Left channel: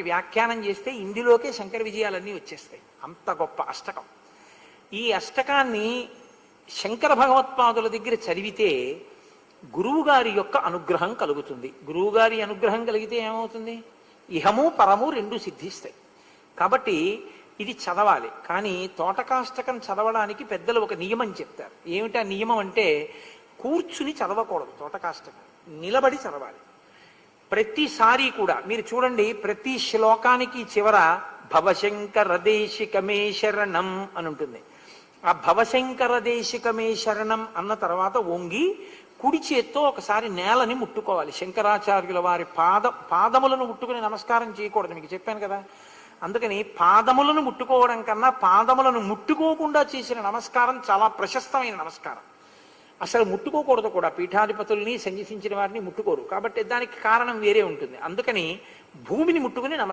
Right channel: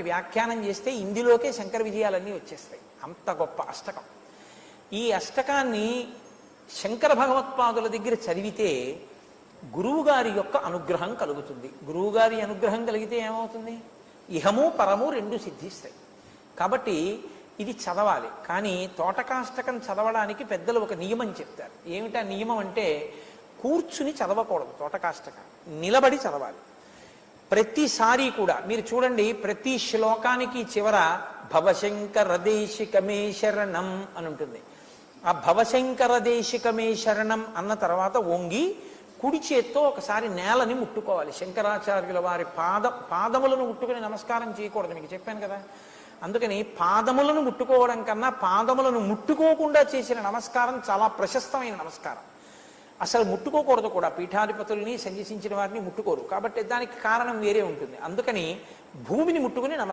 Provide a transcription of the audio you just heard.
వ్యాఖ్యానం చేస్తే ఇందులోకే శంకర విజయాలన్నీ వచ్చేస్తాయి. అంత గొప్ప అష్టకం. ఈ అష్టకాన్ని శంకర భగవత్పాదుల దగ్గర చదివితే గురువుగారి యొక్క అనుగ్రహం కలుగుతుంది. గురువుగారి అనుగ్రహం కలిగితే ఏమవుతుంది? ఇహము పరము రెండు సిద్ధిస్తాయి. కాబట్టి ఇది చదవాలి. కానీ తోటకాష్టకం చదవడానికి పెద్దలు ఒక నియమం చెప్తారు. ఏమిటా నియమం అంటే, కూర్చుని చదవకూడదు. తోటకాష్టకం నిలబడి చదవాలి. ప్రతిసారి కూడా మీరు చూడండి, ప్రతి శ్లోకానికి చివర భవశంకర దేశికమే శరణం అని ఉంటుంది. ఆ భవశంకర దేశికమే శరణం అన్న తర్వాత వంగి కుడి చేత్తో ఒకసారి నేలని ముట్టుకోవాలి. శంకరాచార్యుల వారి పాదములను ముట్టుకుని నమస్కారం చేయకూడదు, మీకు చెప్పాను కదా. అందుకని పాదములను ముట్టుకోవడం కన్నా పాదములను ముట్టుకోకుండా చేసిన నమస్కారం చాలా ప్రశస్తమైన నమస్కారం. అసలు ముట్టుకోకూడదు కూడా. పీఠాధిపతుల్ని సన్యసించిన వారిని ముట్టుకోరు. కాబట్టి దానికి కారణం వేరే ఉంటుంది. అందుకని భూమిని ముట్టుకుని